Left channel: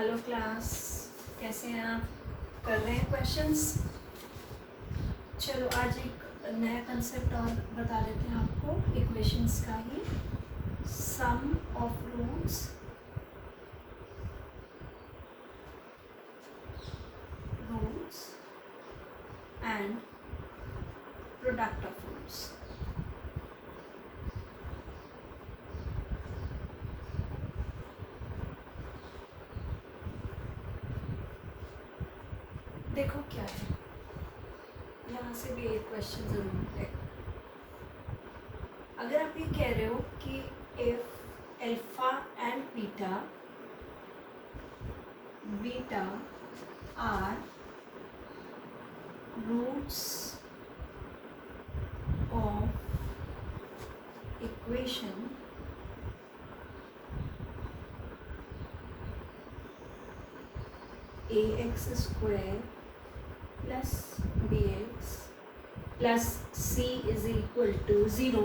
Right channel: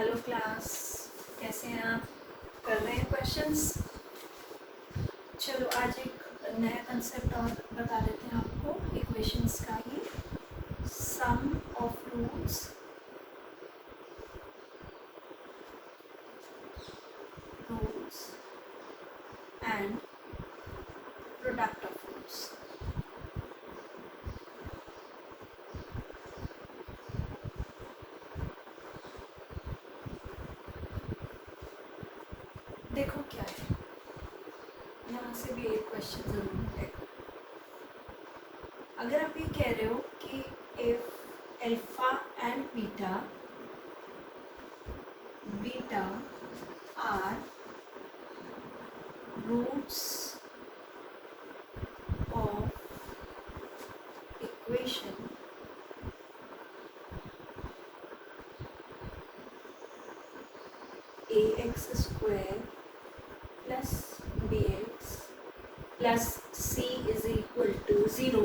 Hello class, कैसे हैं आप? कर रहे हैं क्वेश्चंस? चलो आज एक नया कंसेप्ट और बता देते हैं आपको इक्वेशंस का ही। Sum of roots and product of roots. देखो क्या है, यहाँ से भी एक क्वेश्चन जरूर है। अगर आप ये कह रहे हो कि if alpha and beta are roots of equation ax square plus bx plus c is equal to 0,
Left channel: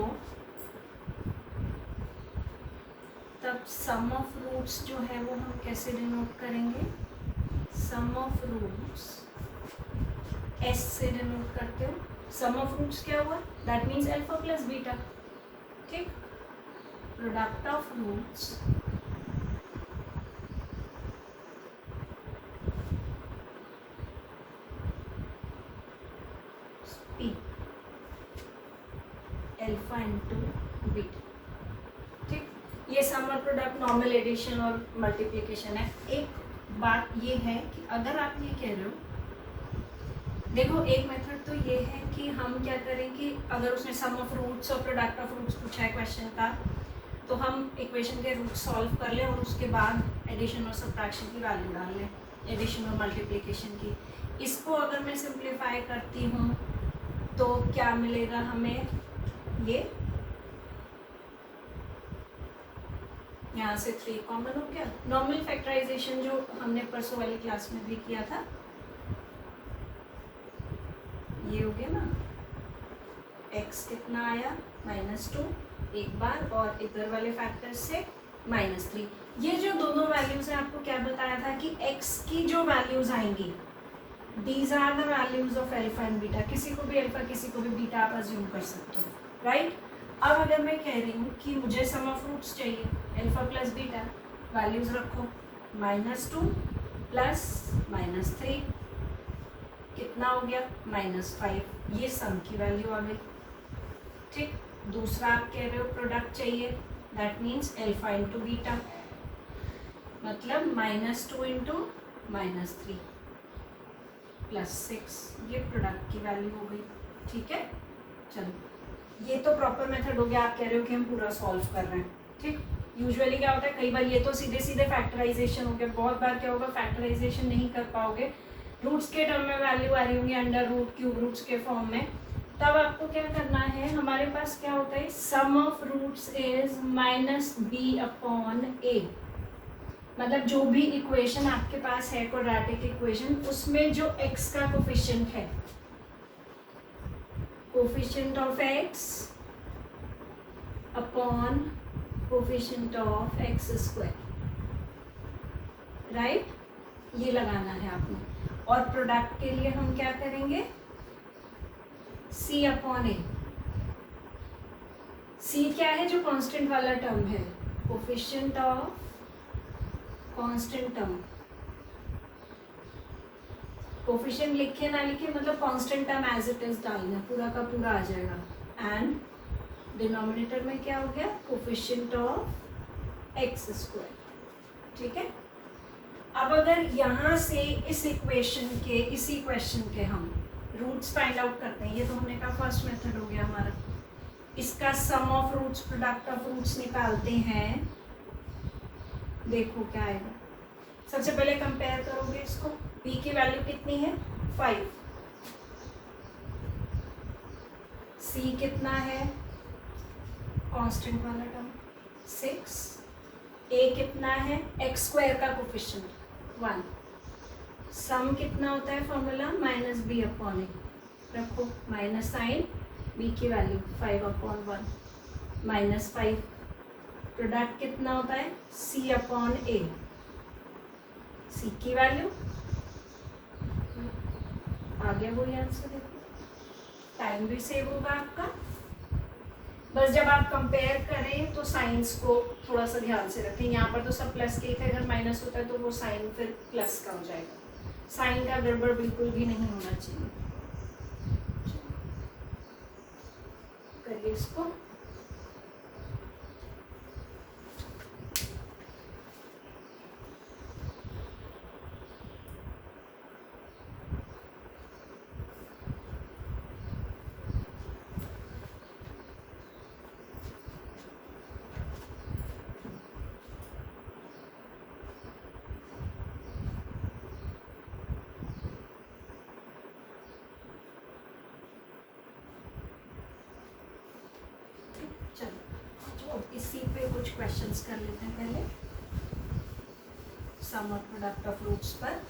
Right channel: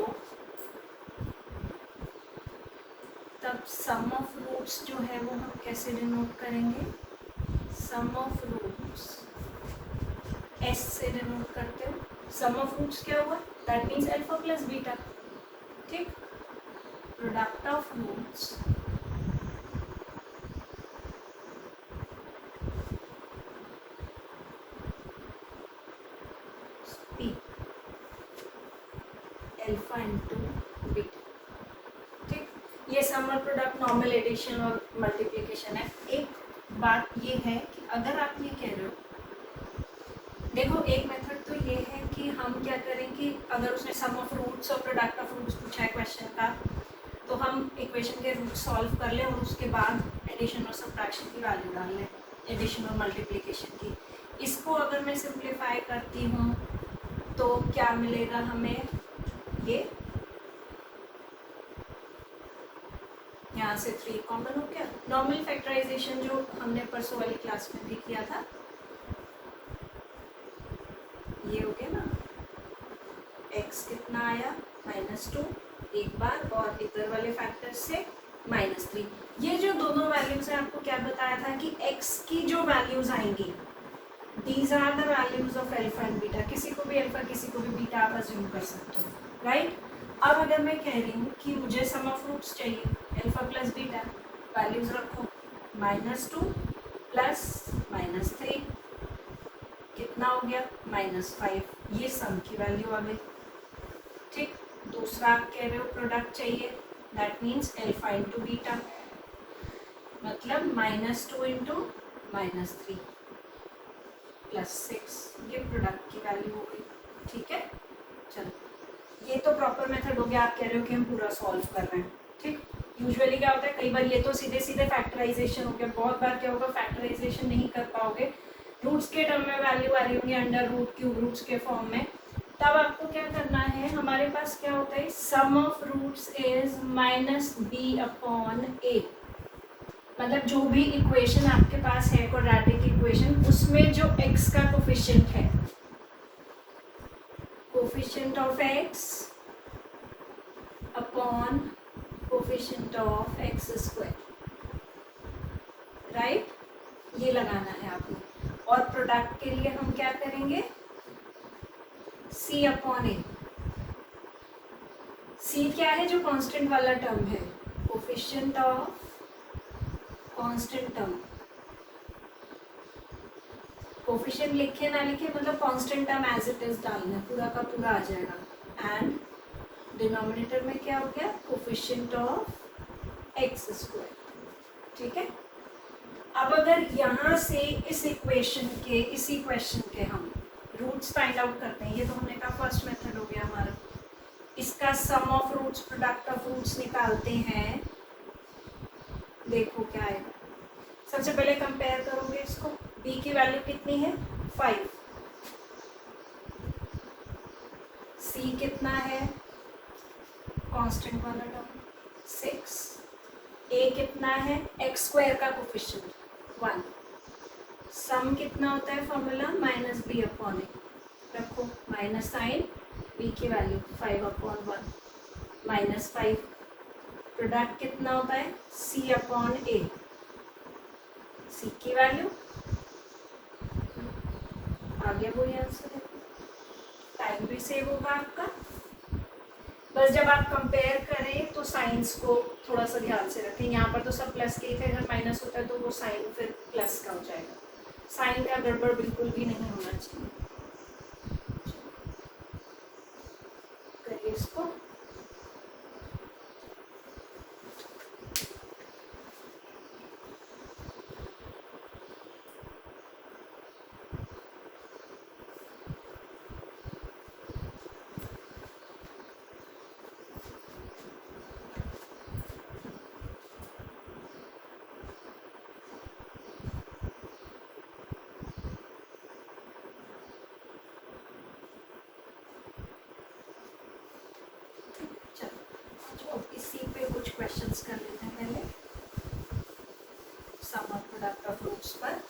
तब सम ऑफ रूट्स जो है वो हम कैसे डिनोट करेंगे? सम ऑफ रूट्स s से डिनोट करते हैं। सम ऑफ रूट्स क्या हुआ? That means alpha plus beta. ठीक, product of roots p alpha into beta. ठीक, ये सम और प्रोडक्ट नॉर्मल एडिशन और मल्टीप्लिकेशन है। एक बात ये है कि अगर आप ये कह रहे हो, देखो एक मेथड तो ये है कि हम क्या करें कि अगर उसने सम ऑफ रूट्स और प्रोडक्ट ऑफ रूट्स पूछा है क्वेश्चन का, तो हम इक्वेशन के रूट सॉल्व कर लें और उसके बाद एडिशन और सब्ट्रैक्शन की वैल्यू डाल लें, एडिशन और मल्टीप्लिकेशन की। इसको अगर मैं सिंप्लीफाई करती हूँ तो क्या मिलेगा हमें? ये यहाँ से 3 कॉमन हो गया। नॉर्मल फैक्टराइजेशन जो हमने परसों वाली क्लास में भी किया था, ये हो गया ना। x कितना आया? -2 एक बार, और इधर वाले फैक्टर से -3। ये जो दोनों वैल्यूज हैं, आपको क्या बताया था कि x की जो वैल्यूज आएंगी, these are the values of alpha and beta. किसी को भी अल्फा किसी को भी बीटा आप अज्यूम कर सकते हो, राइट? अब अगर मैं कह रही हूँ कि मुझे सम ऑफ रूट्स चाहिए, अल्फा प्लस बीटा, वैल्यूज रखो -2 प्लस -3 कितना हो गया? -5। ये सम की वैल्यू आ गई। ठीक, दूसरा आप कह रहे हो प्रोडक्ट चाहिए, that means alpha into beta, मतलब -2 इंटू -3 प्लस 6, ये प्रोडक्ट की वैल्यू हो गई। ठीक है, चलो ये तो प्रॉपर मेथड हो गया। आप कह रहे हो कि हम पूरा सॉल्व कर रहे हैं। ठीक, यूजुअली क्या होता है, कई बार ये तो सीधे सीधे फैक्टराइजेशन हो गया, बहुत बार क्या होगा, फैक्टराइजेशन नहीं कर पाओगे, रूट्स के टर्म में वैल्यू आ रही होंगी अंडर रूट, क्यूब रूट्स के फॉर्म में। तब आपको क्या करना है, हमारे पास क्या होता है, सम ऑफ रूट्स इज -b/a। मतलब जो भी इक्वेशन आपके पास है क्वाड्रेटिक इक्वेशन, उसमें जो x का कोफिशिएंट है, coefficient of x upon coefficient of x square, right? ये लगाना है आपने। और प्रोडक्ट के लिए हम क्या करेंगे? c/a। c क्या है? जो कांस्टेंट वाला टर्म है, coefficient of constant term. Coefficient लिखे ना लिखे, मतलब constant term as it is डालना, पूरा का पूरा आ जाएगा। एंड डिनोमिनेटर में क्या हो गया? Coefficient of x square. ठीक है, अब अगर यहाँ से इस इक्वेशन के, इसी क्वेश्चन के हम रूट्स फाइंड आउट करते हैं, ये तो हमने कहा फर्स्ट मेथड हो गया हमारा। इसका sum of roots product of roots निकालते हैं, देखो क्या आएगा। सबसे पहले कंपेयर करोगे इसको, b की वैल्यू कितनी है? 5, c कितना है? कांस्टेंट वाला टर्म 6, a कितना है? x स्क्वायर का कोफिशिएंट 1, सम कितना होता है फॉर्मूला? -b/a, रखो माइनस साइन, b की वैल्यू 5/1 -5, प्रोडक्ट कितना होता है? c/a, सी की वैल्यू आगे वही आंसर है, टाइम भी सेव होगा आपका। बस जब आप कंपेयर करें तो साइंस को थोड़ा सा ध्यान से रखें, यहाँ पर तो सब प्लस के थे, अगर माइनस होता है तो वो साइन फिर प्लस का हो जाएगा, साइन का गड़बड़ बिल्कुल भी नहीं होना चाहिए। करिए इसको। चलो इसी पे कुछ क्वेश्चंस कर लेते हैं पहले, सम और प्रोडक्ट ऑफ रूट्स पर।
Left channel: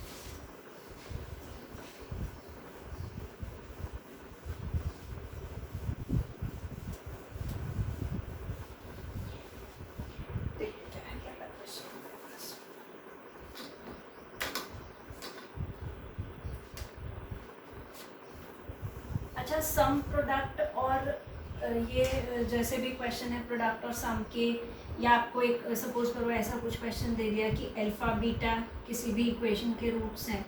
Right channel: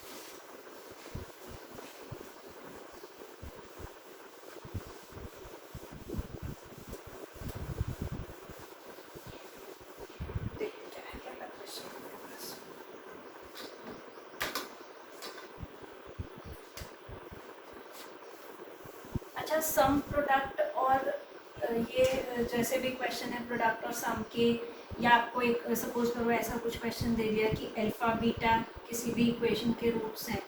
अच्छा, सम प्रोडक्ट और ये जैसे भी क्वेश्चन है प्रोडक्ट और सम के, या आपको एक सपोज करो ऐसा कुछ क्वेश्चन दे दिया कि अल्फा बीटा किसी भी इक्वेशन के रूट्स हैं,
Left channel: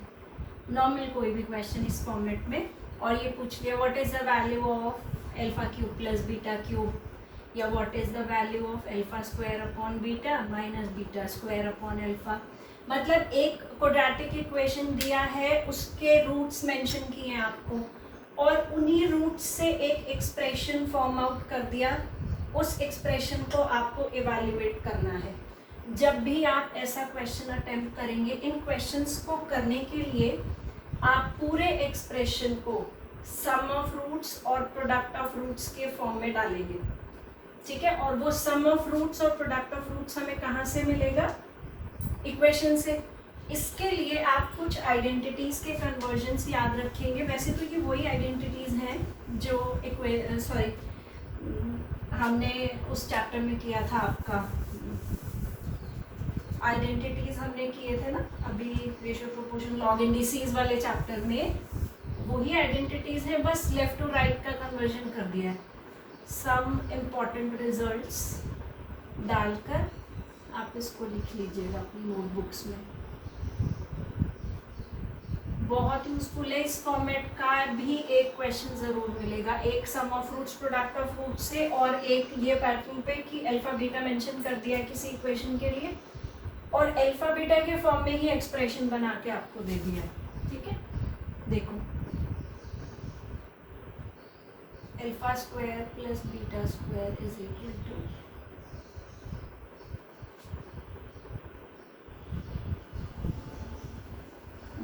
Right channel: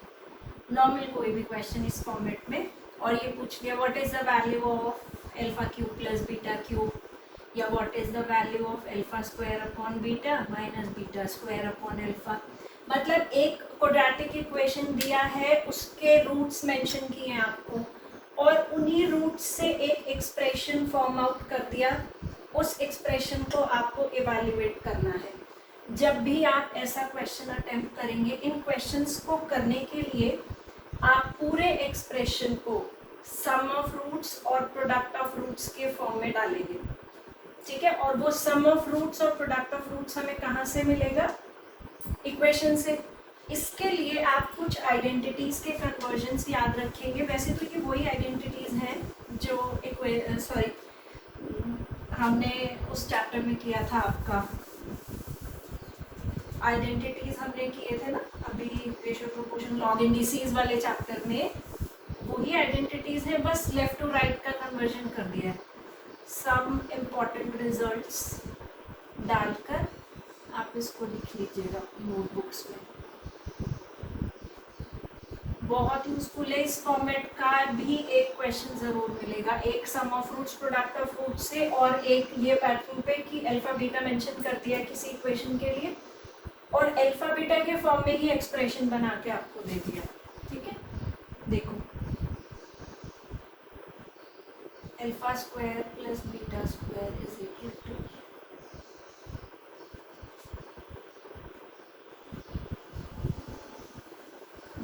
नॉर्मल कोई भी क्वेश्चन इस फॉर्मेट में, और ये पूछ लिया what is the value of alpha cube plus beta cube, या what is the value of alpha square upon beta minus beta square upon alpha. मतलब एक क्वाड्रेटिक इक्वेशन दिया है, उसके रूट्स मेंशन किए हैं आपको, और उन्हीं रूट्स से एक एक्सप्रेशन फॉर्म आउट कर दिया, उस एक्सप्रेशन को आपको इवैल्यूएट करना है। जब भी आप ऐसा क्वेश्चन अटेम्प्ट करेंगे, इन क्वेश्चंस को करने के लिए आप पूरे एक्सप्रेशन को सम ऑफ रूट्स और प्रोडक्ट ऑफ रूट्स के फॉर्म में डालेंगे, ठीक है। और वो सम ऑफ रूट्स और प्रोडक्ट ऑफ रूट्स हमें कहाँ से मिलेगा? इक्वेशन से। इसके लिए आप कुछ आइडेंटिटीज के कन्वर्जन्स याद रखेंगे। वैसे तो ये वही आइडेंटिटीज हैं जो हमने उस चैप्टर में किया था, आपका आइडेंटिटीज हमने किए थे ना अभी, रेशियो प्रोपोर्शन लॉग इंडिसेस वाले चैप्टर में, वही आइडेंटिटीज है, बस लेफ्ट टू राइट का कन्वर्जन कर दिया है। सम इम्पॉर्टेंट रिजल्ट्स डालकर आप इसको लिख लीजिएगा अपनी नोटबुक्स में, बहुत यूजफुल है। इस फॉर्मेट का भी एक क्वेश्चन जरूर मिलेगा, एक sum of roots product of roots से, और एक ये पैटर्न पे कि अल्फा बीटा मेंशन कर दिया किसी इक्वेशन के लिए, और अल्फा बीटा के फॉर्म में ही एक्सप्रेशन बना के आपको दे दिया है, ठीक है। देखो, alpha square plus beta square is equal to,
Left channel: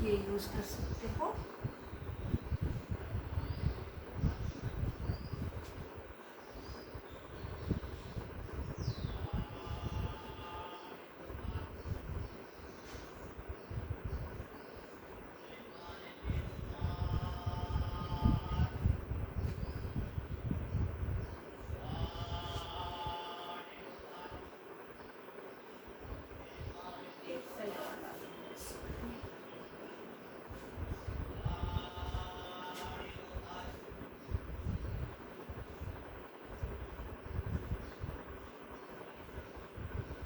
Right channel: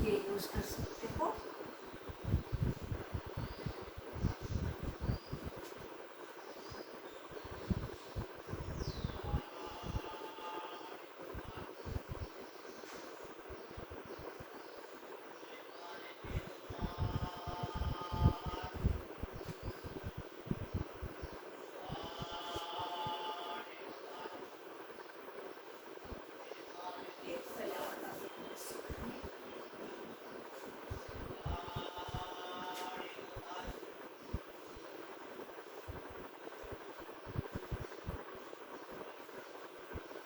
ये यूज कर सकते हो।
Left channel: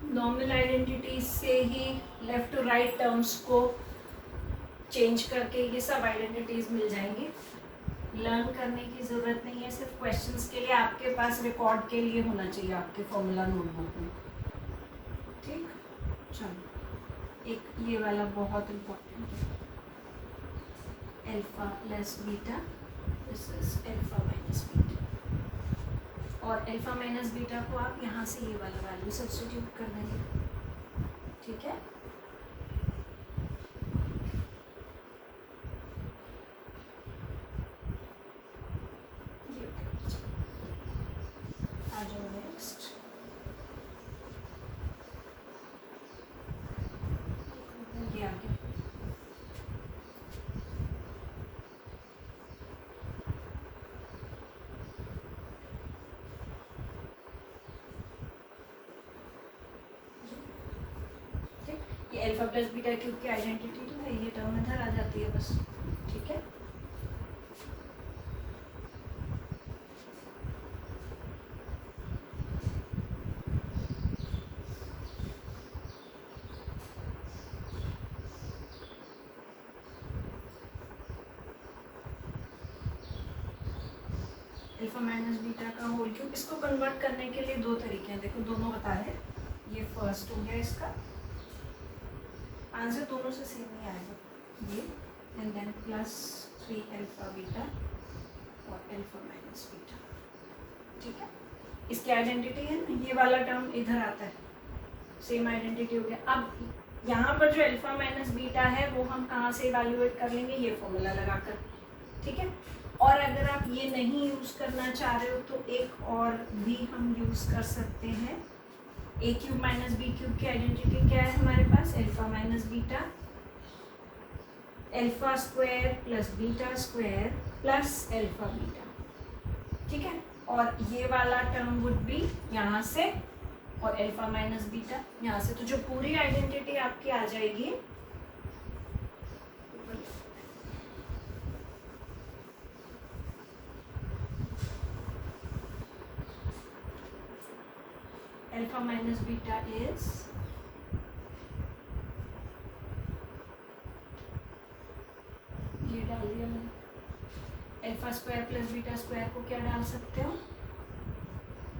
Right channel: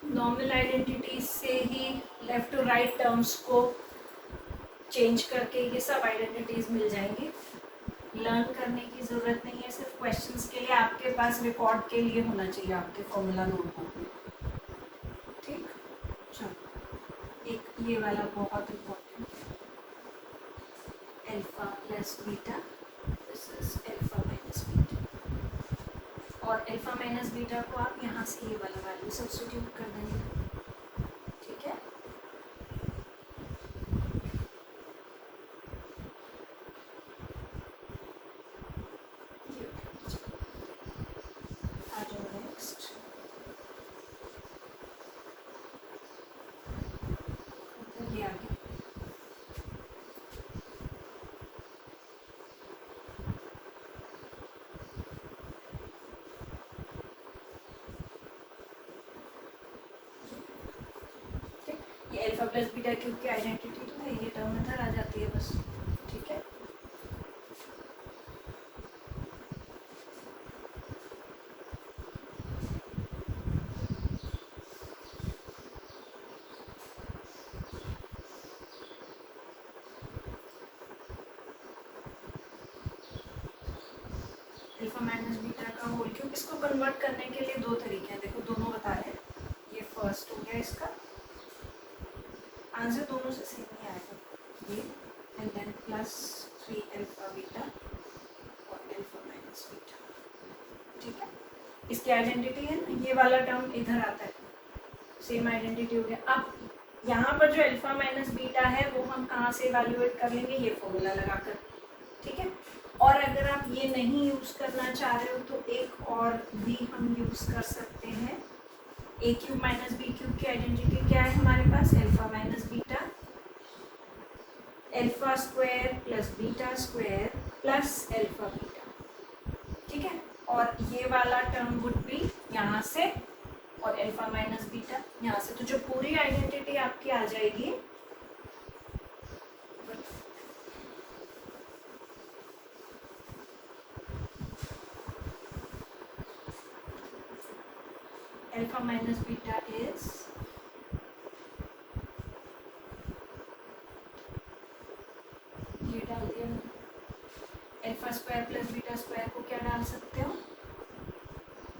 नॉर्मल आइडेंटिटीज से ही लेफ्ट टू राइट टर्म्स को चेंज करके ये सब आइडेंटिटीज मिल जाएंगी। लर्न करने की ज़रूरत नहीं है, सिर्फ क्वेश्चंस के लिए आपके पास रिकॉर्ड के लिए होना चाहिए आपके फॉर्मूला नोटबुक में, ठीक। चलो, एक ये वाला बहुत इम्पोर्टेंट है, alpha plus beta alpha minus beta, और अल्फा माइनस बीटा को आप यहाँ से ये वाला वैल्यू सब्स्टिट्यूट कर देंगे, ठीक है। आ जाओ नेक्स्ट, ये आ गया। ये अल्फा प्लस बीटा क्यूब की आइडेंटिटी तो है, ये टर्म इधर आ जाती है बस, ठीक है। अल्फा माइनस बीटा का होल क्यूब, इसको कन्वर्ट करने के लिए दो तरीके हैं, देखो दोनों बता रहे हैं। ये फर्स्ट हो गया, इसका आंसर दोनों से सेम ही आएगा, ये and then plus 3 alpha beta और अल्फा माइनस बीटा, ठीक है। इसकी आइडेंटिटी है ना, ये वाला टर्म इधर आता है, सेम आइडेंटिटी हो गया। अब यहाँ पर जो अल्फा माइनस बीटा है वो हम कहाँ से इवैल्यूएट कर लेंगे, ये फॉर्मूला लगाकर, ठीक है। और अगर आप ये नहीं यूज़ करना चाह रहे हो तो एक और भी हम यूज़ कर सकते हैं। A cube minus B cube की आइडेंटिटी क्या है हमारे पास, alpha minus beta, alpha square plus beta square plus alpha beta, ठीक है। और ये वाला टर्म वुड बी यहाँ से और अल्फा माइनस बीटा यहाँ से, तो जो पूरी आइडेंटिटी आपकी आ जाएगी अल्फा माइनस बीटा इज ये डाल दिया, alpha square plus beta square को क्या डाल सकते हो,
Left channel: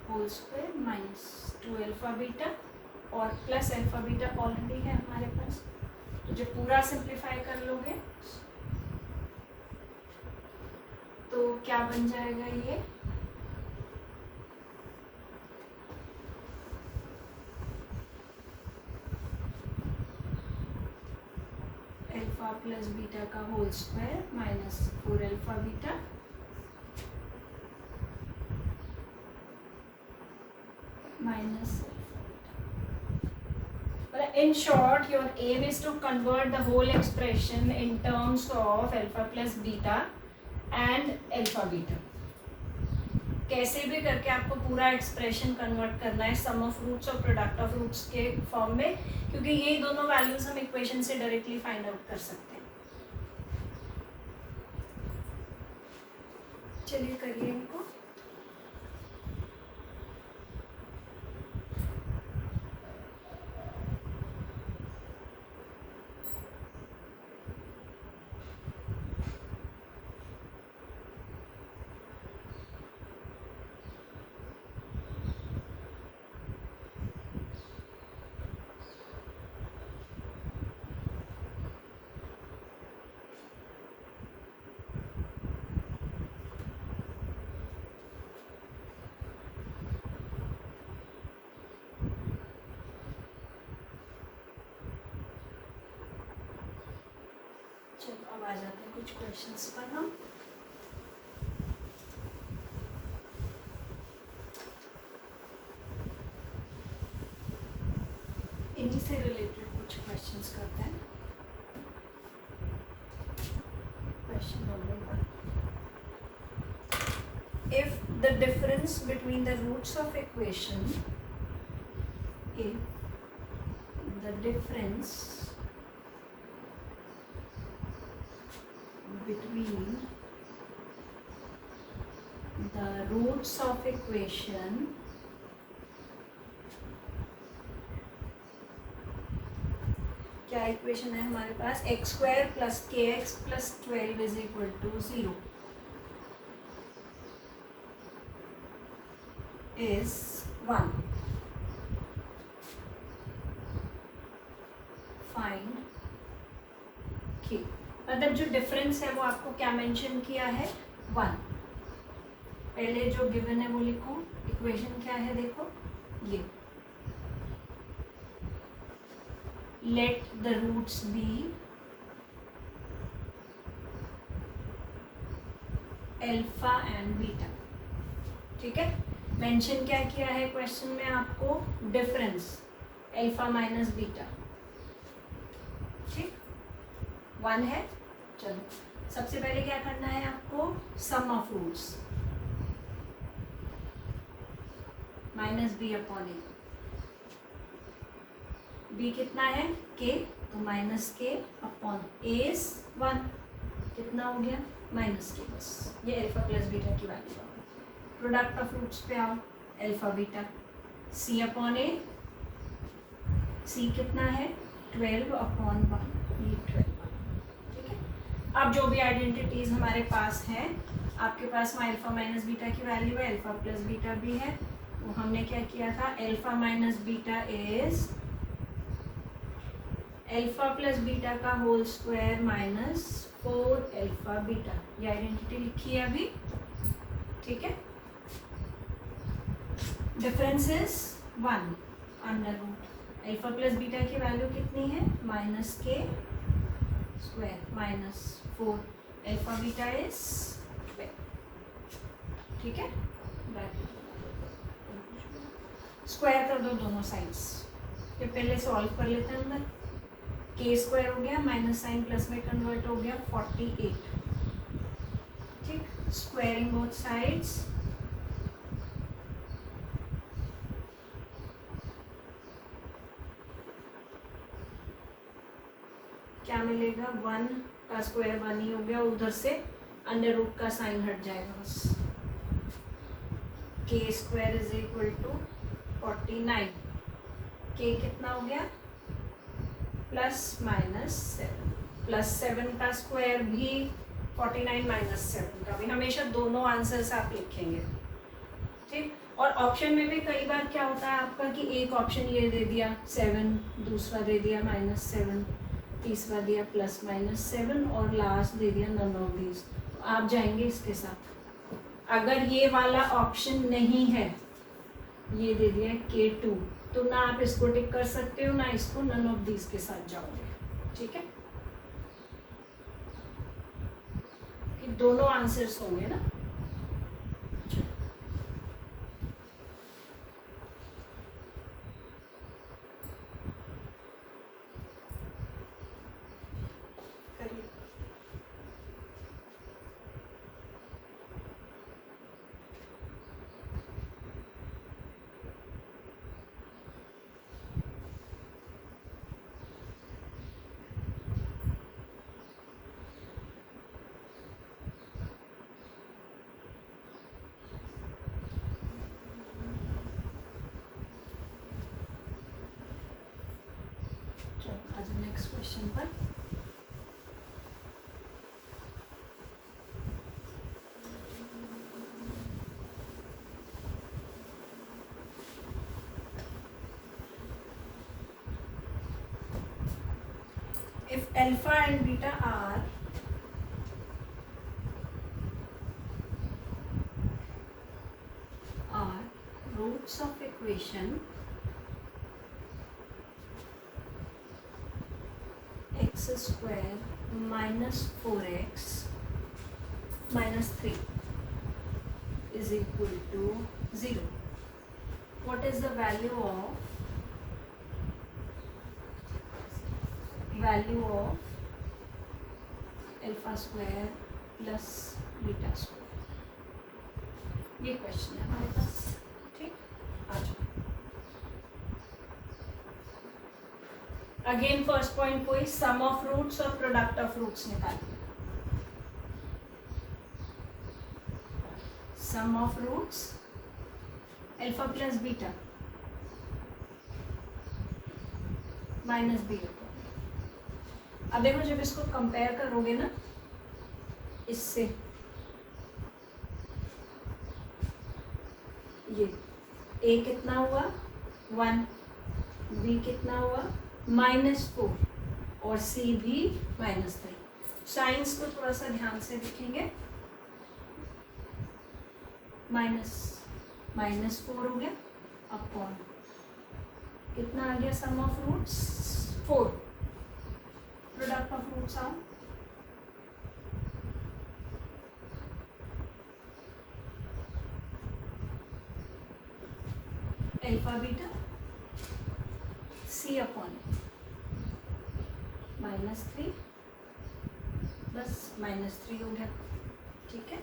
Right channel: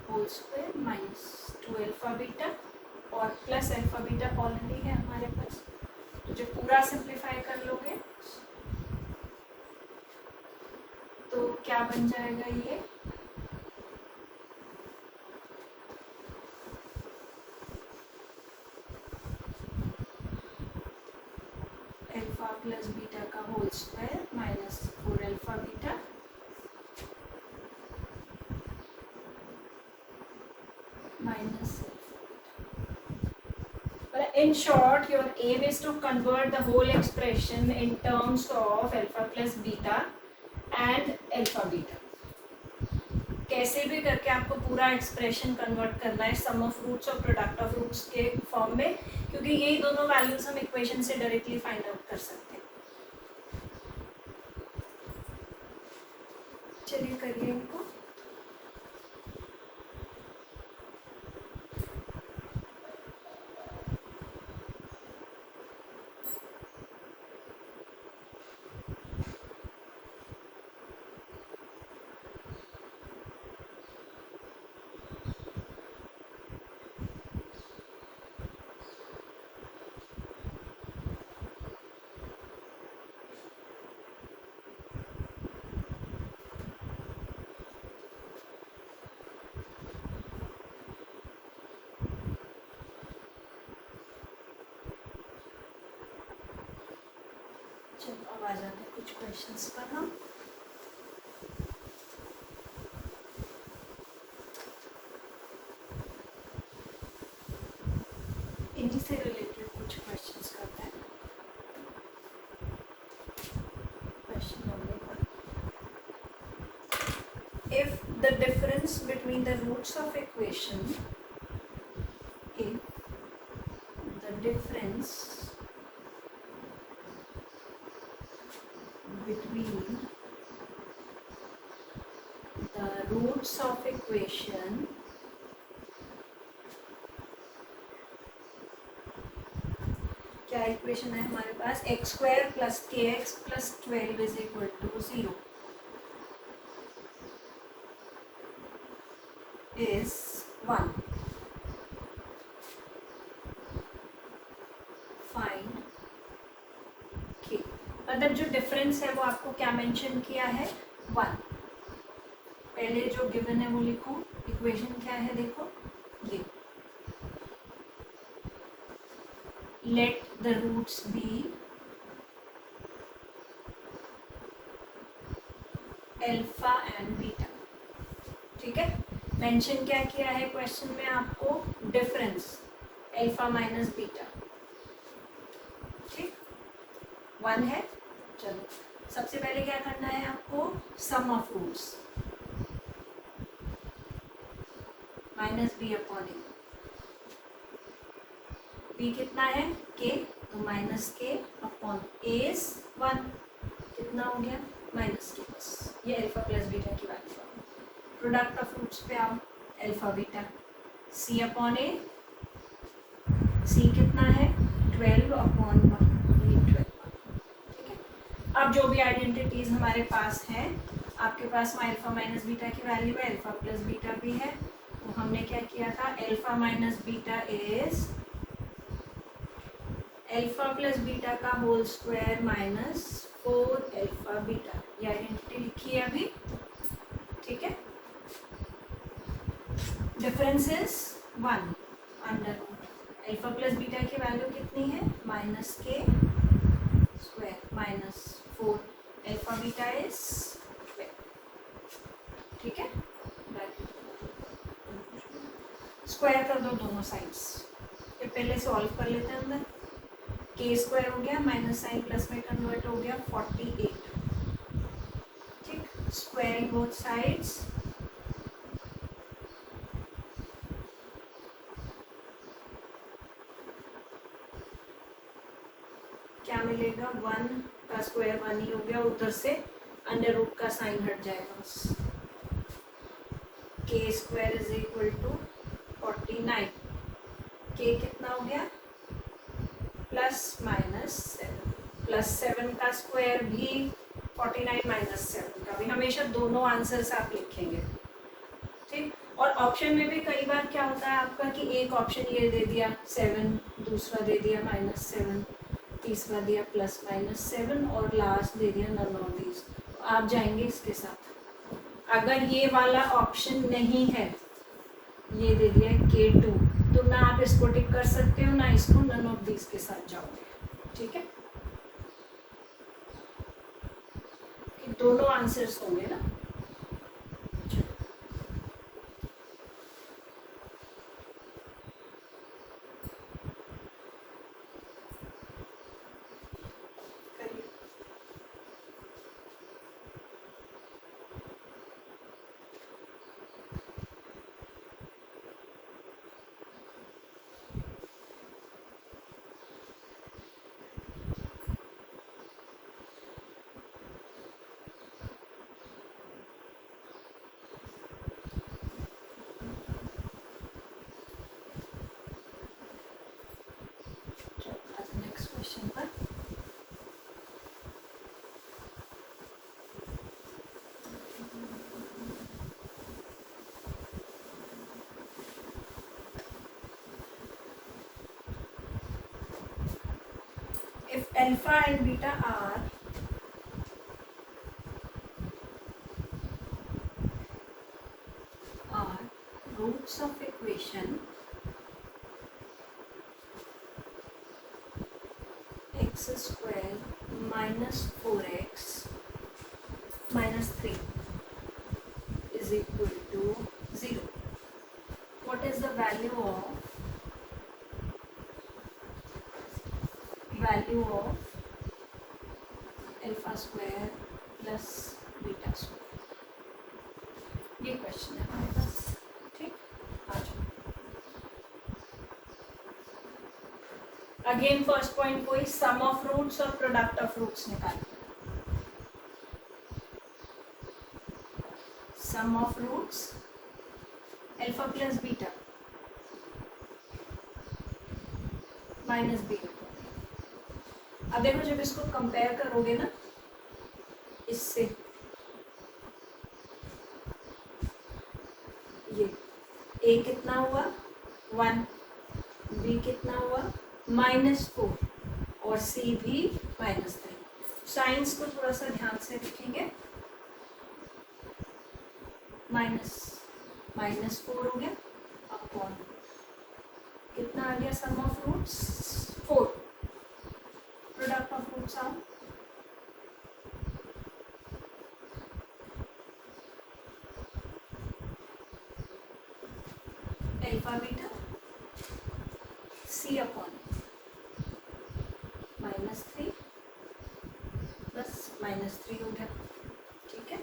whole square minus 2 alpha beta और प्लस अल्फा बीटा ऑलरेडी है हमारे पास, तो जब पूरा सिंप्लीफाई कर लोगे तो क्या बन जाएगा, ये अल्फा प्लस बीटा का whole square minus 4 alpha beta minus. But in short, your aim is to convert the whole expression in terms of alpha plus beta and alpha beta. कैसे भी करके आपको पूरा एक्सप्रेशन कन्वर्ट करना है सम of roots और product of roots के form में, क्योंकि ये दोनों वैल्यूज हम इक्वेशन से डायरेक्टली फाइंड आउट कर सकते हैं। चलिए करिए इनको। चलो अब आ जाते हैं कुछ क्वेश्चंस पर हम। इन्हीं से रिलेटेड कुछ क्वेश्चंस करते हैं। Question number 1, if the difference between the roots of equation, if the difference between the roots of equation क्या इक्वेशन है हमारे पास, x square plus k x plus 12 is equal to 0 is 1, find k. मतलब जो difference है वो आपको क्या मेंशन किया है, 1। पहले जो गिवन है वो लिखो, इक्वेशन क्या है देखो, ये let the roots be alpha and beta, ठीक है। मेंशन क्या किया है क्वेश्चन में आपको, डिफरेंस अल्फा माइनस बीटा, ठीक 1 है। चलो सबसे पहले क्या करना है आपको, sum of roots minus B upon A, B कितना है के, तो माइनस के अपॉन ए इज 1, कितना हो गया माइनस के, बस ये अल्फा प्लस बीटा की वैल्यू है। प्रोडक्ट ऑफ रूट्स पे आओ, अल्फा बीटा सी अपॉन ए, सी कितना है 12 अपॉन 1, ये 12, ठीक है। अब जो भी आइडेंटिटीज हमारे पास हैं, आपके पास अल्फा माइनस बीटा की वैल्यू है, अल्फा प्लस बीटा भी है, तो हमने क्या किया था, alpha minus beta is alpha plus beta का whole square minus 4 alpha beta, ये आइडेंटिटी लिखी है अभी, ठीक है। Difference is 1 under root, alpha plus beta की वैल्यू कितनी है माइनस के square minus 4, alpha beta is 12, ठीक है। स्क्वायर कर दो दोनों साइड्स, ये पहले सॉल्व कर लेते हैं। अंदर के स्क्वायर हो गया, माइनस साइन प्लस में कन्वर्ट हो गया 48, ठीक। स्क्वायरिंग बोथ साइड्स, क्या मिलेगा 1 का स्क्वायर 1 ही हो गया, उधर से अंडर रूट का साइन हट जाएगा बस। के स्क्वायर इज इक्वल टू 49, के कितना हो गया प्लस माइनस 7, प्लस 7 का स्क्वायर भी 49 माइनस 7 का भी, हमेशा दोनों आंसर्स आप लिखेंगे, ठीक। और ऑप्शन में भी कई बार क्या होता है आपका कि एक ऑप्शन ये दे दिया 7, दूसरा दे दिया माइनस 7, तीसरा दिया प्लस माइनस 7 और लास्ट दे दिया नन ऑफ दीज, आप जाएंगे इसके साथ। अगर ये वाला ऑप्शन नहीं है, ये दे दिया K2, तो ना आप इसको टिक कर सकते हो ना इसको, नन ऑफ दीज के साथ जाओगे, ठीक है। कि दोनों आंसर्स होंगे ना। नेक्स्ट क्वेश्चन पर if alpha and beta are roots of equation x square minus 4x minus 3 is equal to 0, what is the value of alpha square plus beta square, ये क्वेश्चन है हमारे पास, ठीक। आ जाओ, अगेन फर्स्ट पॉइंट कोई sum of roots और product of roots निकालिए। Sum of roots alpha plus beta minus beta. अब देखो जब इसको कंपेयर करोगे ना इससे, ये a कितना हुआ 1, b कितना हुआ -4 और c भी -3। साइंस को थोड़ा सा ध्यान से देखेंगे, -4 हो गया अपॉन कितना आ गया sum of roots 4, product of roots आओ अल्फा बीटा सी अपॉन -3, बस -3 हो गया, ठीक है।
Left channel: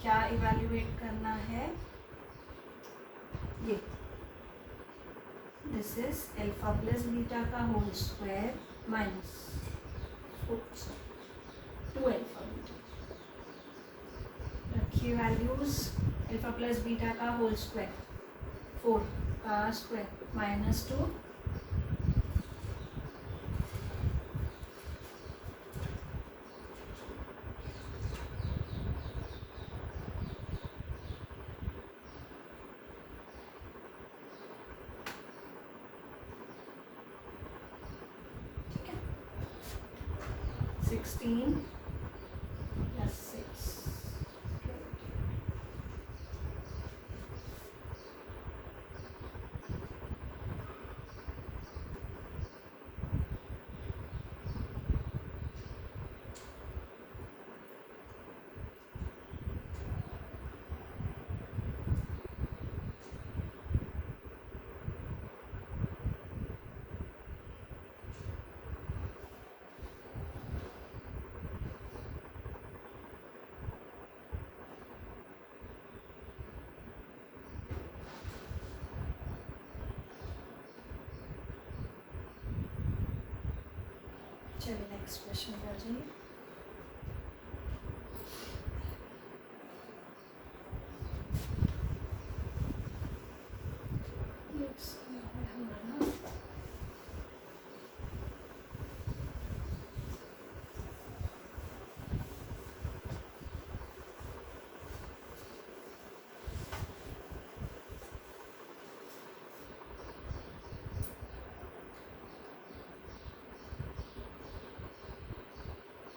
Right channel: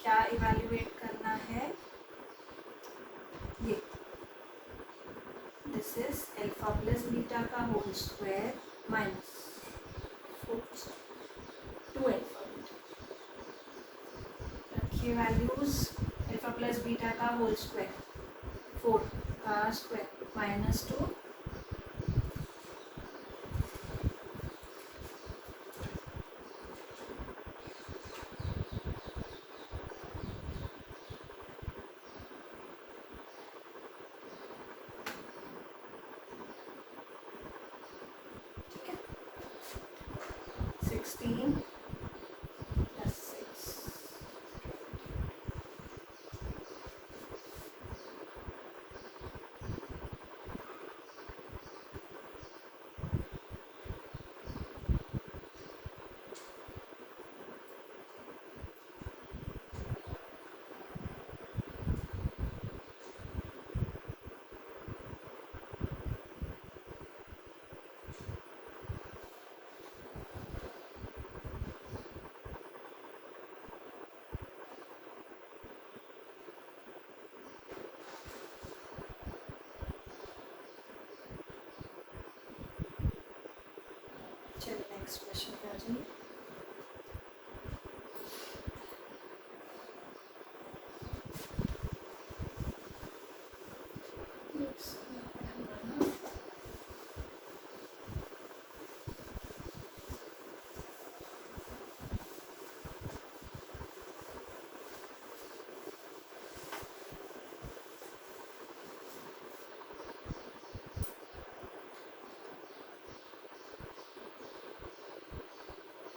क्या इवैल्यूएट करना है, ये this this is alpha plus beta का whole square minus 2 alpha beta. रखिए वैल्यूज, अल्फा प्लस बीटा का होल स्क्वायर 4 का स्क्वायर माइनस 2 16 plus 6 चलिए नेक्स्ट क्वेश्चन कर जाइए।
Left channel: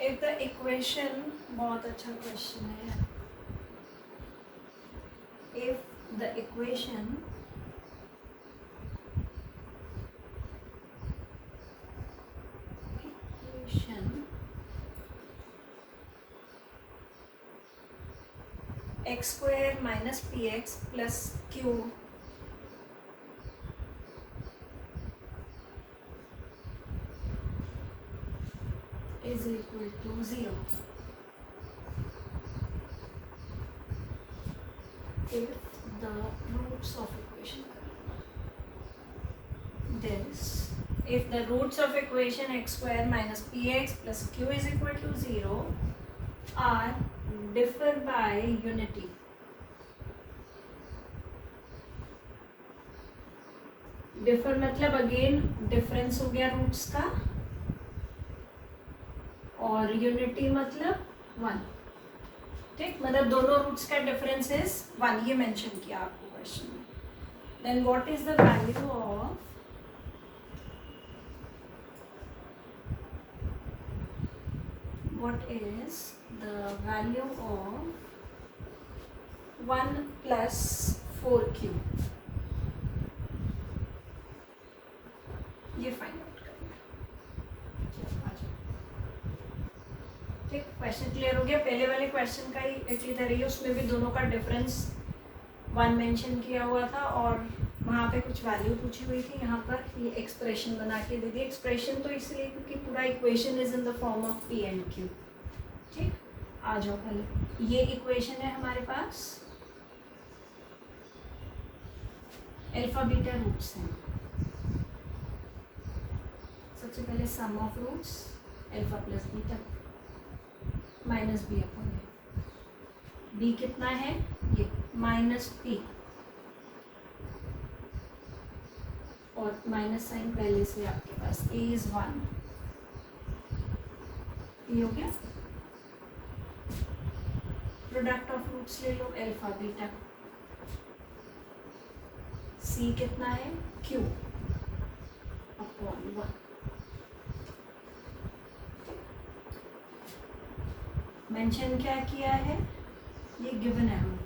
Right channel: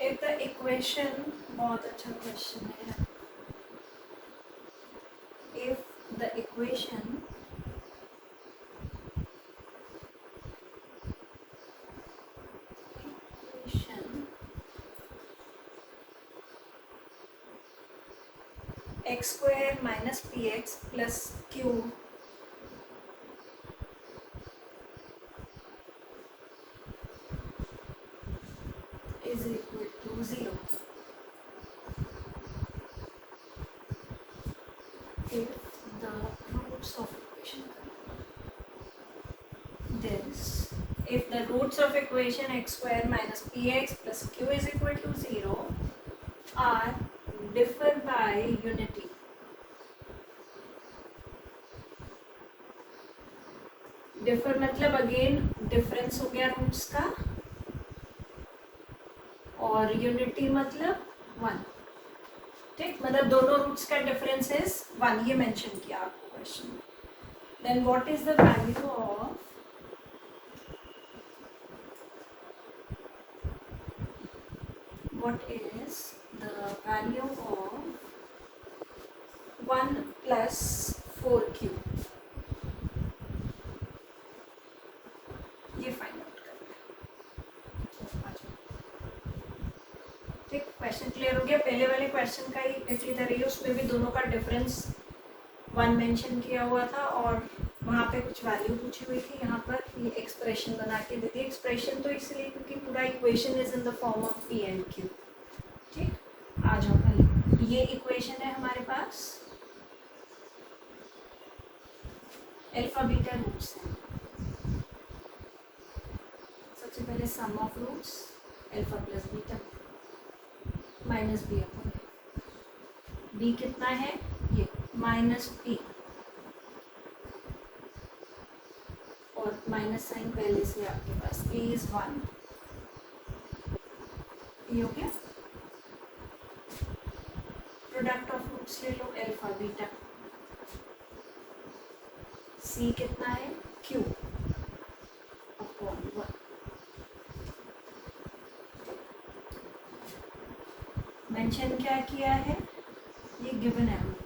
If the equation, बहुत अच्छा क्वेश्चन है, if the equation x square minus px plus q is equal to 0 if the roots of equation, there is, if the roots of equation x square minus px plus q is equal to 0 are differ by unity, differ मतलब again difference हो गया roots का, और unity मतलब 1, ठीक, मतलब दोनों roots का डिफरेंस इज 1, ये मेंशन किया आपको क्वेश्चन में। Then what is the value of what is the value of 1 plus 4q, ये फाइंड आउट करना है। ठीक, क्वेश्चन क्लियर हो गया। पहले वाले क्वेश्चन का ही इसी तरह ही, उसमें भी दोनों का डिफरेंस 1 मेंशन किया हुआ था और वहाँ पे कुछ वैल्यू पूछी हुई थी, यहाँ पर ये एक्सप्रेशन बना के दे दी। एक्सप्रेशन तो इसलिए क्योंकि पूरा equation is in the form of P and Q. ठीक, आ जाओ पहले, ये इक्वेशन है हमारे पास, अल्फा बीटा रूट्स हैं। सबसे पहले sum of roots alpha plus beta minus B upon B कितना है, ये माइनस पी, और माइनस साइन पहले से आपके पास, ए इज 1, ये हो गया। प्रोडक्ट ऑफ रूट्स ले लो, अल्फा बीटा, सी कितना है, क्यू अपॉन 1, मेंशन क्या किया है, ये गिवन है हमें,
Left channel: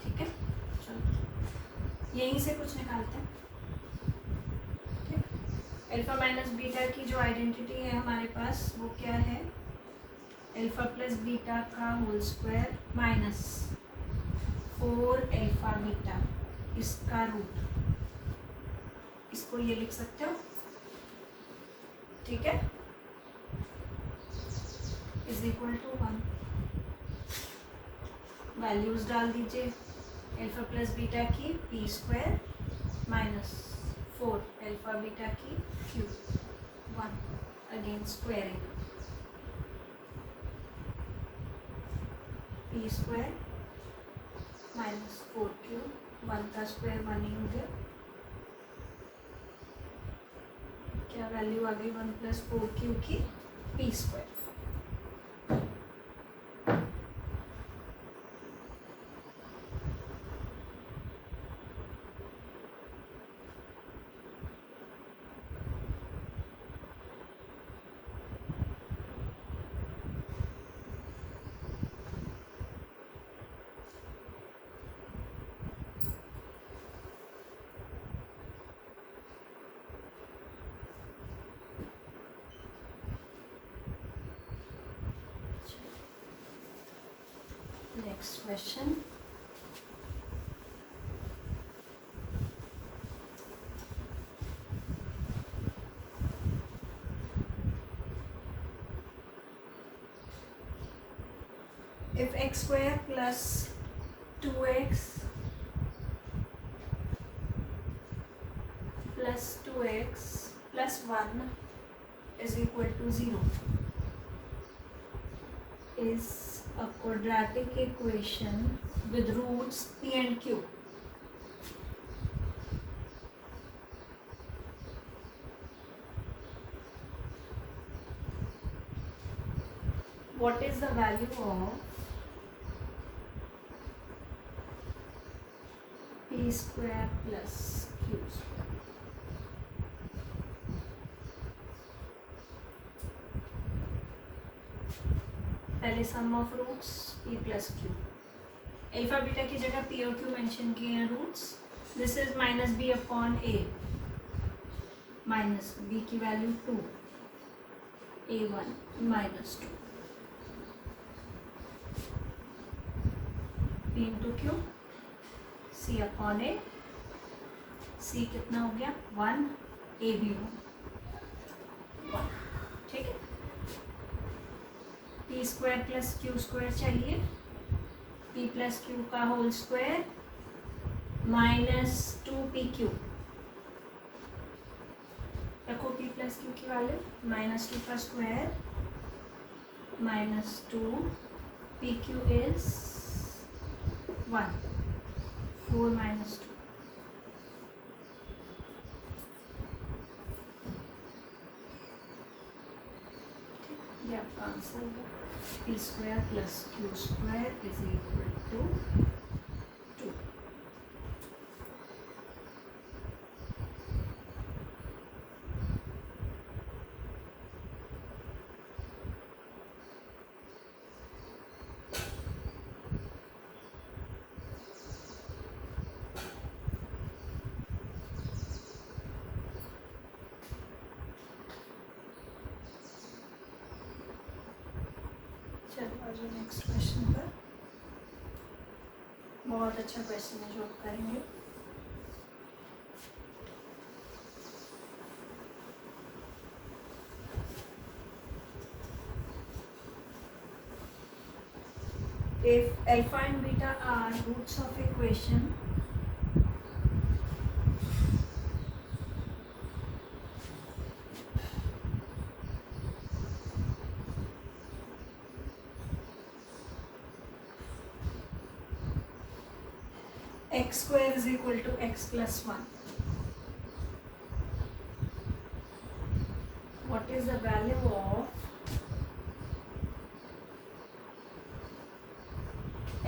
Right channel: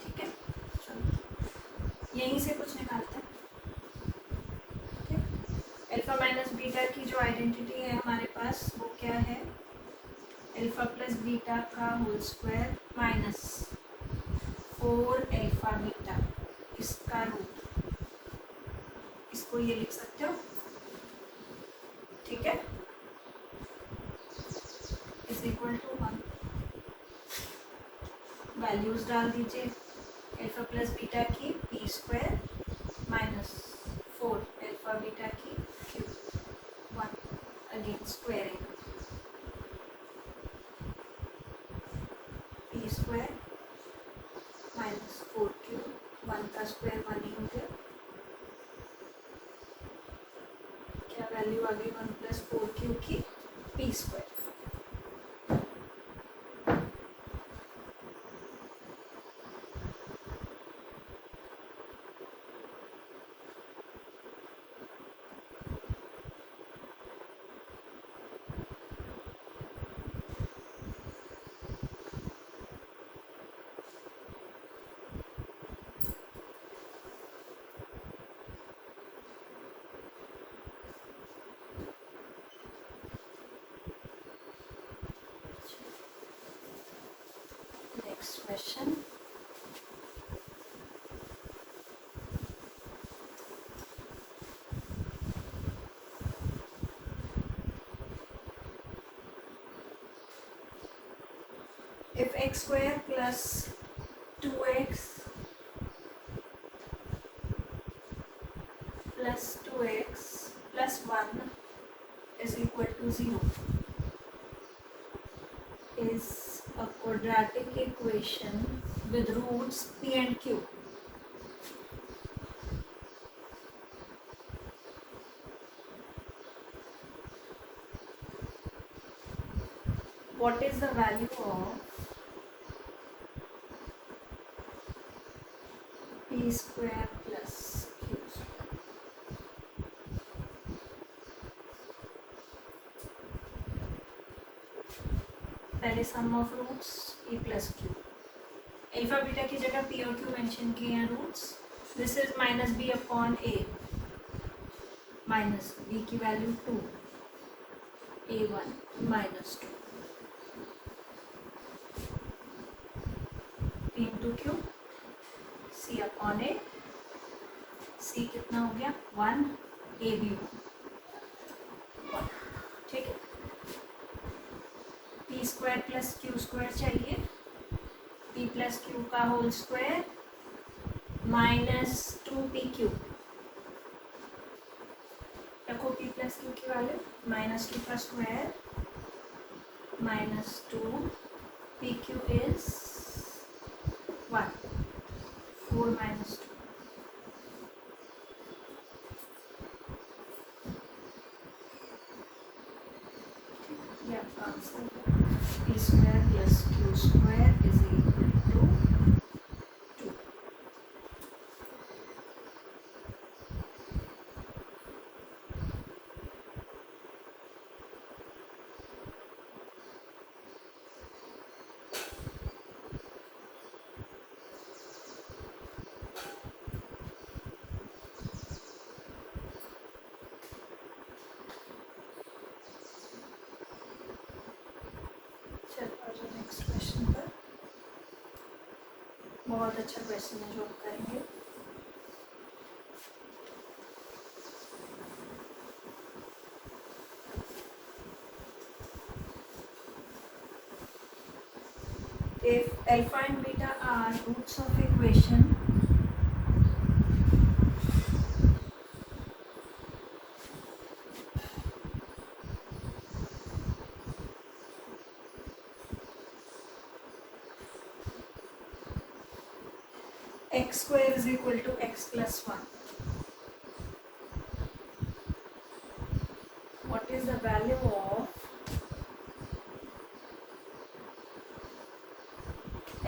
ठीक है। चलो यहीं से कुछ निकालते हैं। ठीक, अल्फा माइनस बीटा की जो आइडेंटिटी है हमारे पास वो क्या है, अल्फा प्लस बीटा का whole square minus 4 alpha beta, इसका रूट, इसको ये लिख सकते हो, ठीक है, इज इक्वल टू 1। वैल्यूज डाल दीजिए, अल्फा प्लस बीटा की P square minus 4 alpha beta की Q 1 again squaring P square minus 4q 1 का स्क्वायर 1 ही हो गया, क्या वैल्यू आ गई 1 प्लस 4q की P square. Next question. If x square plus 2x plus 2x plus 1 is equal to 0 is a quadratic equation with roots p and q. What is the value of p square plus q square? पहले sum of roots p plus Q, alpha beta की जगह p और q mention किए हैं roots. This is minus b upon a minus b की value 2 a1 minus 2 p into Q c upon a, c कितना हो गया 1 a भी 1, ठीक है। P square plus q square चाहिए, पी प्लस क्यू का होल स्क्वायर माइनस 2pq, रखो p प्लस क्यू की वैल्यू माइनस 2 का square minus 2 pq is 1 4 minus 2, ये आपका आंसर है। p square plus q square is equal to 2। चलो next question पर, बहुत अच्छा क्वेश्चन है जो करेंगे। If alpha and beta are roots of equation x square is equal to x plus 1, what is the value of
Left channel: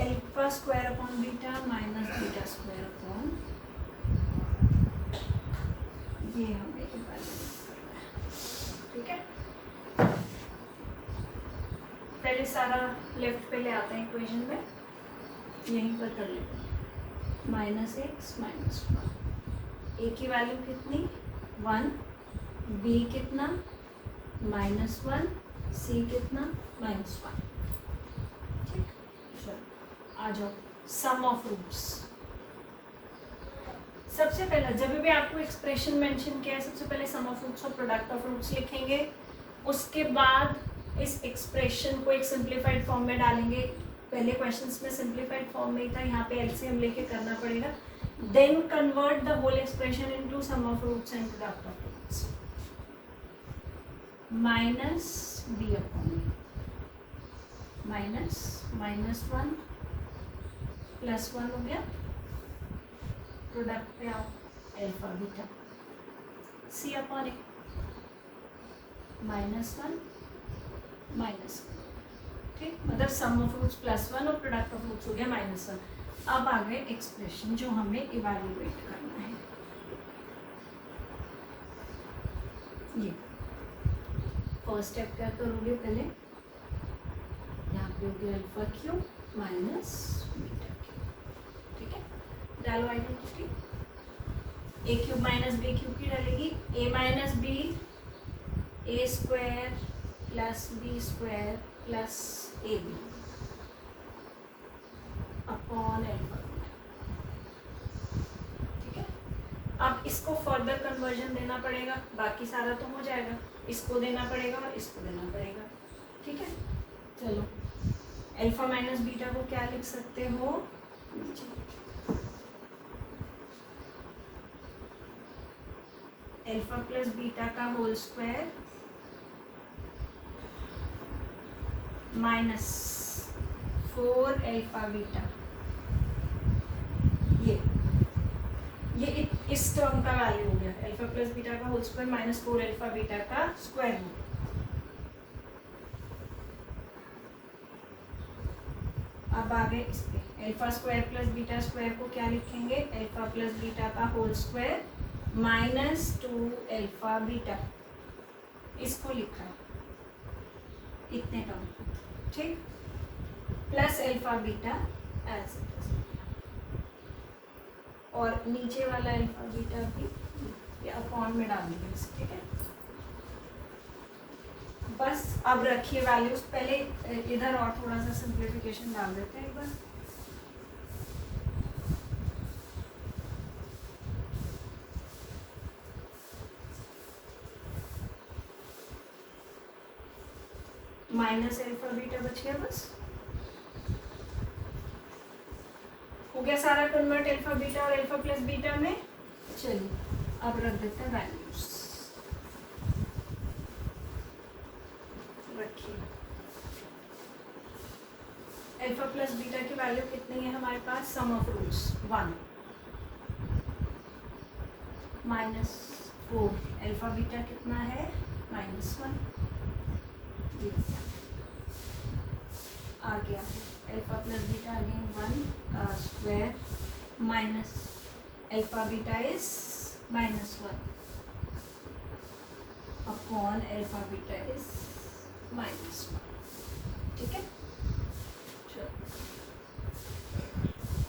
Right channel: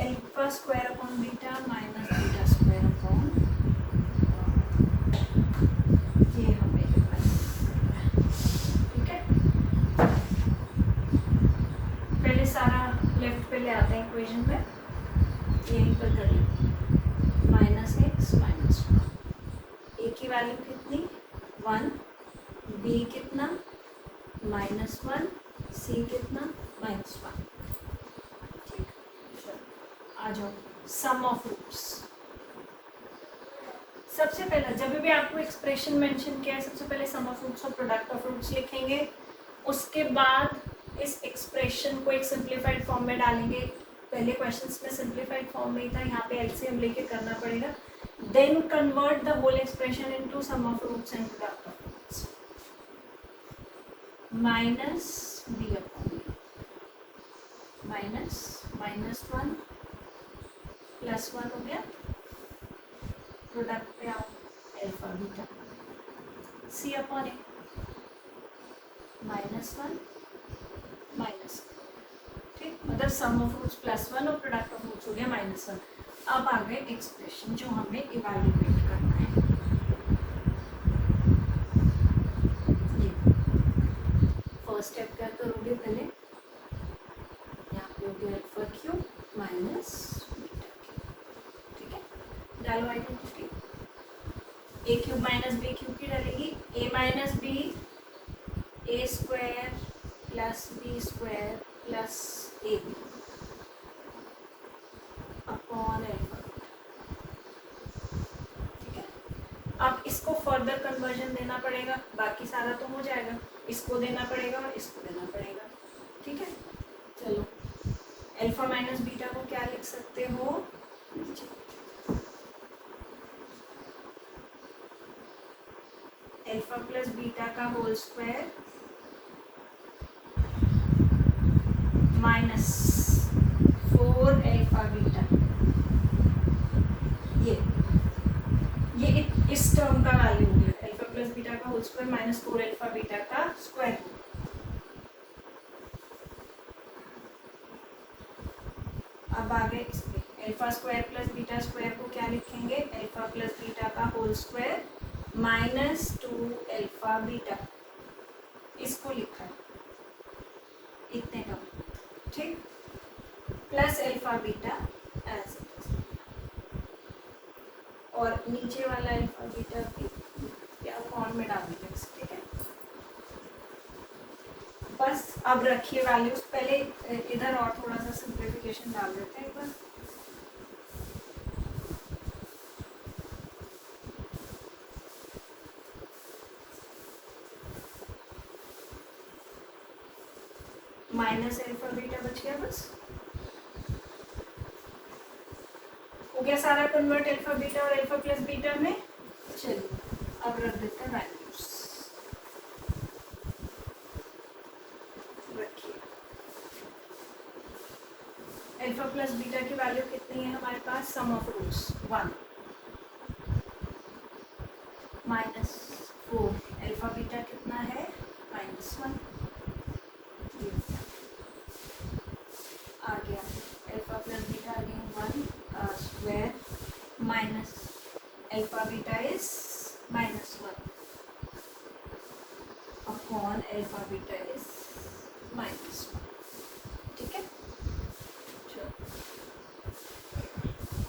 alpha square upon beta minus beta square upon, ये हमें ठीक है। पहले सारा लेफ्ट पे ले आते हैं इक्वेशन में, यहीं पर कर लेते हैं माइनस एक्स माइनस 1, ए की वैल्यू कितनी 1, बी कितना -1, सी कितना -1, आ जाओ सम ऑफ रूट्स। सबसे पहले जब भी आपको एक्सप्रेशन मेंशन किया है, सबसे पहले सम ऑफ रूट्स और प्रोडक्ट ऑफ रूट्स लिखेंगे, उसके बाद इस एक्सप्रेशन को एक सिंप्लीफाइड फॉर्म में डालेंगे, पहले क्वेश्चंस में सिंप्लीफाइड फॉर्म में ही था, यहाँ पे एलसीएम लेके करना पड़ेगा. Then convert the whole expression into sum of roots and product of roots. Minus B upon minus one plus one हो गया, प्रोडक्ट पे आओ alpha beta, C upon a minus one minus, ठीक, मतलब sum of roots plus one और product of roots हो गया minus one. अब आ गए एक्सप्रेशन जो हमें इवैल्यूएट करना है. ये फर्स्ट स्टेप क्या करोगे पहले, यहाँ पे हो गया alpha cube minus beta cube, ठीक है. डालो identity, A cube minus B cube की डालेगी, A minus B A square plus B square plus A B upon alpha, ठीक है. अब इसको फर्दर कन्वर्जन देना पड़ेगा, बाकी सारा तो हो जाएगा, इसको देना पड़ेगा, इसको देना पड़ेगा, ठीक है. चलो अल्फा माइनस बीटा को क्या लिख सकते हो, अल्फा प्लस बीटा का whole square minus 4 alpha beta, ये इस टर्म का वैल्यू हो गया, अल्फा प्लस बीटा का whole square minus 4 alpha beta का स्क्वायर रूट. अब आ गए इस पे alpha square plus beta square को क्या लिखेंगे, अल्फा प्लस बीटा का whole square minus 2 alpha beta, इसको लिखा है इतने टर्म, ठीक, plus alpha beta as it is, और नीचे वाला अल्फा बीटा भी अपॉन में डाल देंगे, ठीक है. बस अब रखिए वैल्यूज, पहले इधर और थोड़ा सा सिंप्लीफिकेशन डाल देते हैं एक बार. माइनस अल्फा बीटा बच गया, बस हो गया सारा कन्वर्ट अल्फा बीटा और अल्फा प्लस बीटा में. चलिए अब रख देते हैं वैल्यूज, रखिए अल्फा प्लस बीटा की वैल्यू कितनी है हमारे पास, sum of roots 1 minus 4, alpha beta कितना है माइनस 1, आ गया अल्फा प्लस बीटा अगेन 1 का square minus alpha beta is minus 1 upon alpha beta is minus 1, ठीक है.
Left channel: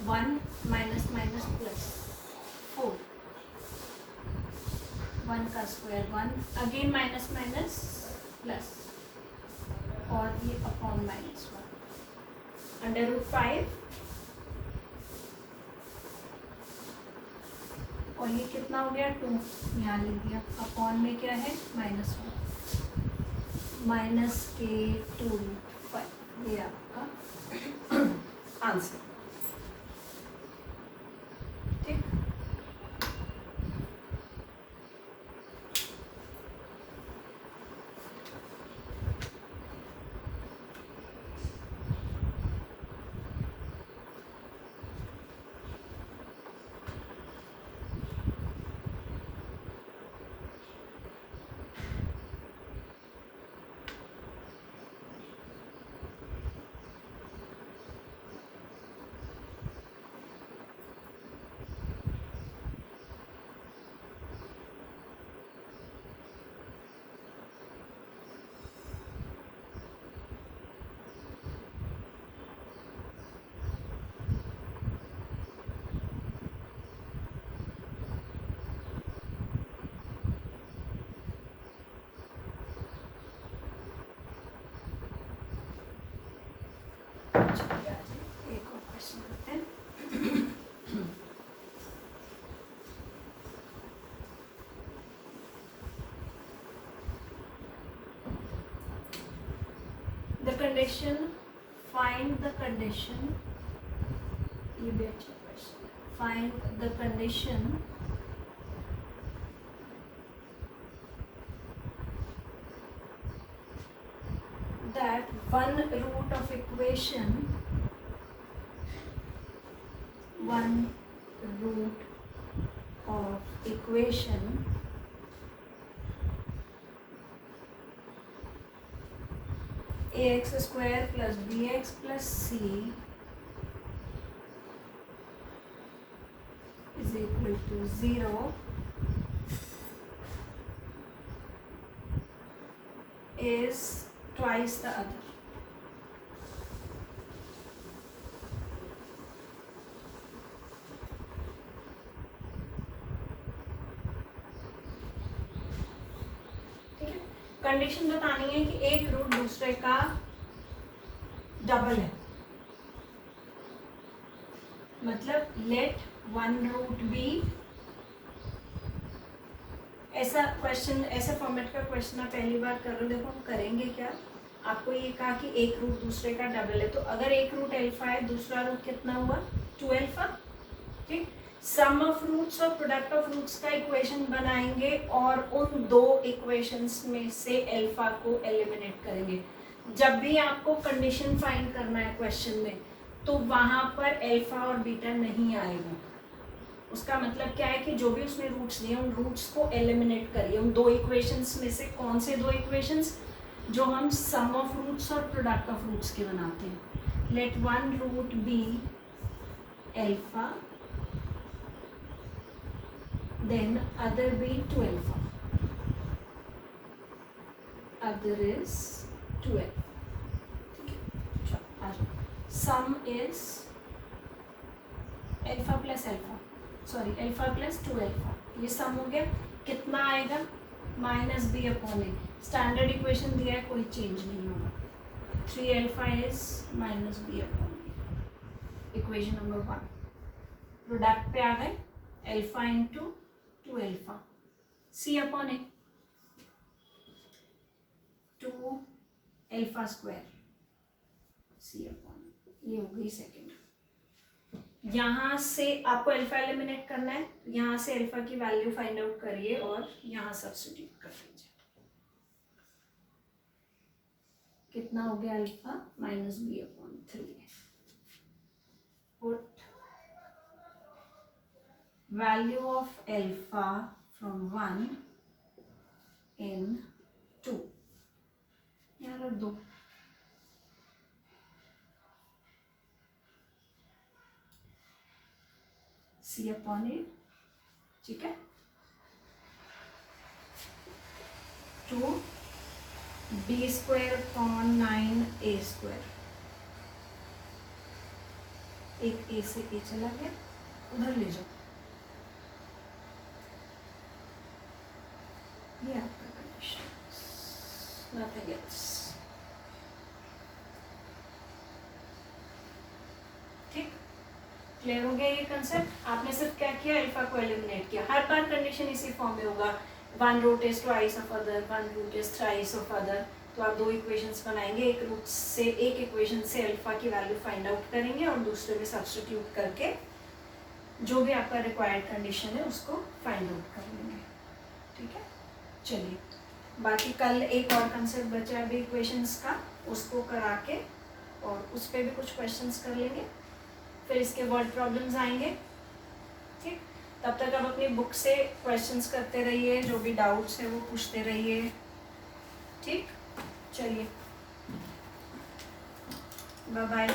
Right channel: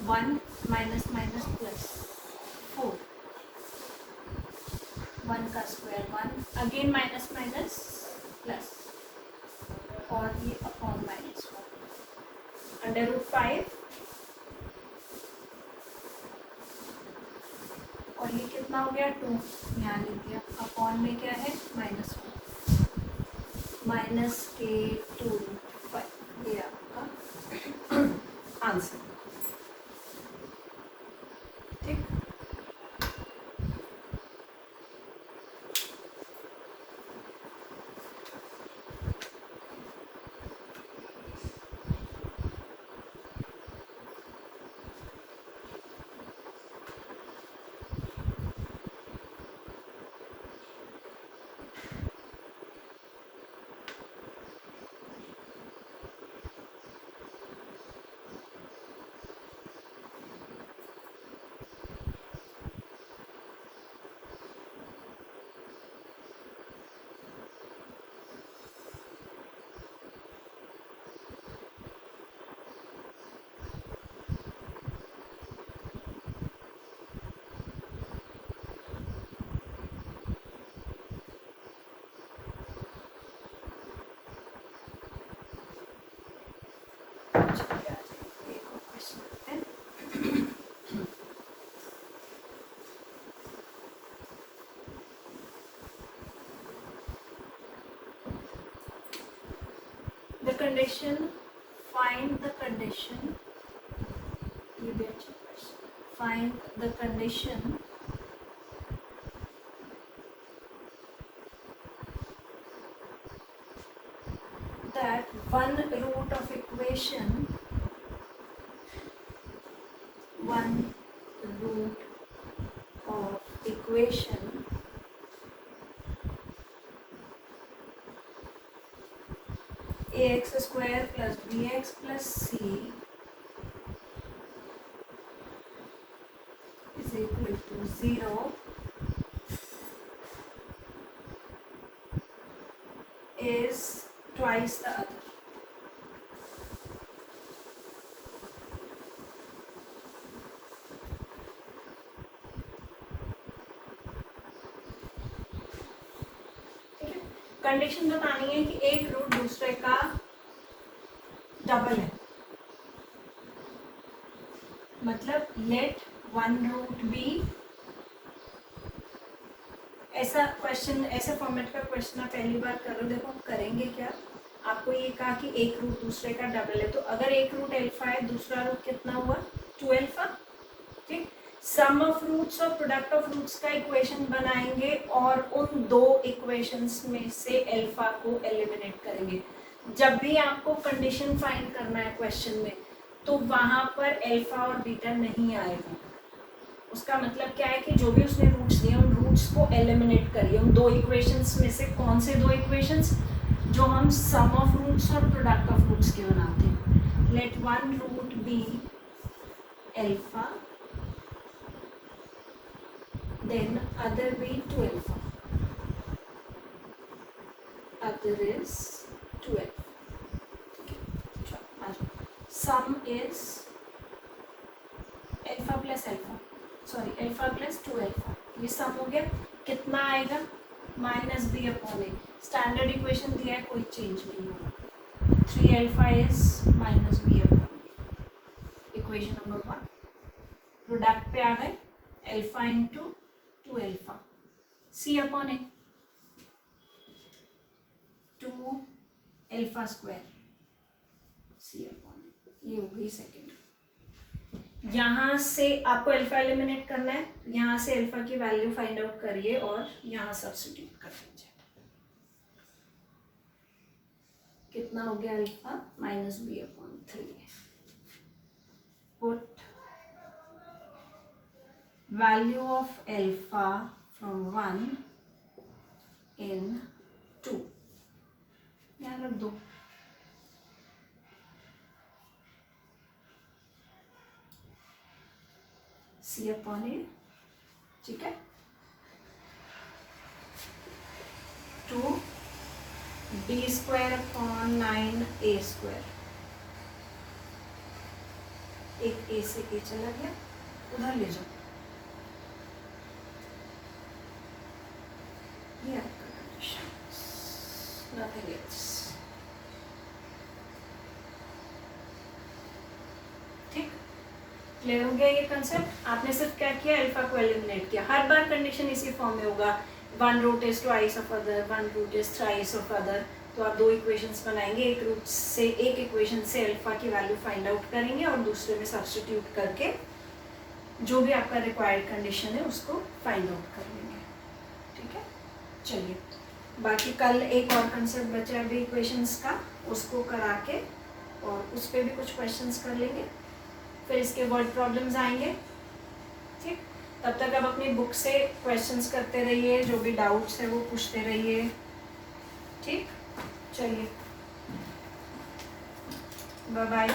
1 माइनस माइनस प्लस 4, 1 का square 1 again minus minus plus और ये अपॉन माइनस 1 अंडर रूट 5, और ये कितना हो गया 2, यहाँ लिख दिया, अपॉन में क्या है माइनस 1 माइनस के 2 रूट 5, ये आपका आंसर, ठीक. The condition, find the condition condition, ये भी अच्छा question, find the condition that one root of equation ax square plus bx plus c is equal to 0 is twice the other. Condition बतानी है कि एक रूट दूसरे का डबल है, मतलब लेट वन रूट बी, ऐसा क्वेश्चन, ऐसे फॉर्मेट का क्वेश्चन आप पहली बार कर रहे हो। देखो हम करेंगे क्या, आपको ये कहा कि एक रूट दूसरे का डबल है, तो अगर एक रूट अल्फा है, दूसरा रूट कितना हुआ 2 अल्फा, ठीक। सम ऑफ रूट्स और प्रोडक्ट ऑफ रूट्स का इक्वेशन बनाएंगे और उन दो इक्वेशंस में से अल्फा को एलिमिनेट करेंगे। जब भी आपको कंडीशन फाइंड करना है क्वेश्चन में, तो वहां पर अल्फा और बीटा नहीं आएगा। उसका मतलब क्या है कि जो भी उसने रूट्स दिए उन रूट्स को एलिमिनेट करिए। उन दो इक्वेशंस में से कौन से दो इक्वेशंस, जो हम सम ऑफ रूट्स और प्रोडक्ट ऑफ रूट्स के बनाते हैं। Let one root be alpha, then other be 2 alpha, other is 2 alpha, sum is alpha plus alpha, sorry alpha plus 2 alpha, ये सम हो गया। कितना आएगा minus B upon a, standard equation दिया है, कोई चेंज नहीं होगा। 3 alpha is minus B upon a, equation number 1। Product पे आ गए alpha into 2 alpha, c upon a 2 alpha square, c upon a, ये हो गई सेकेंड। यहाँ से आपको अल्फा एलिमिनेट करना है, तो यहाँ से अल्फा की वैल्यू फाइंड आउट करिए और यहाँ सब्स्टिट्यूट कर दीजिए। कितना हो गया alpha minus B upon 3, put value of alpha from 1 in 2, यहाँ रख दो। C अपॉन ए, ठीक है, 2 b square upon 9 a square, एक a से a चला गया, उधर ले जाओ। Nothing else. ठीक, क्लियर हो गया ये कंसेप्ट। आपने सिर्फ क्या किया, अल्फा को एलिमिनेट किया। हर बार कंडीशन इसी फॉर्म में होगा, one root is twice of other, one root is thrice of other. तो आप दो इक्वेशंस बनाएंगे, एक रूट से, एक इक्वेशन से अल्फा की वैल्यू फाइंड आउट करेंगे और दूसरे में सब्स्टिट्यूट करके जो भी आपका रिक्वायर्ड कंडीशन है उसको फाइंड आउट कर लेंगे। ठीक है, चलिए बाकी कल एक और कंसेप्ट बचा अभी इक्वेशंस का, उसको करा के और उस पर भी कुछ क्वेश्चंस कर लेंगे, फिर इसके वर्ड प्रॉब्लम्स आएंगे। ठीक, तब तक आप अपनी बुक से क्वेश्चंस करते रहिए, जो भी डाउट्स है वो पूछते रहिए। ठीक, चलिए बाय बाय।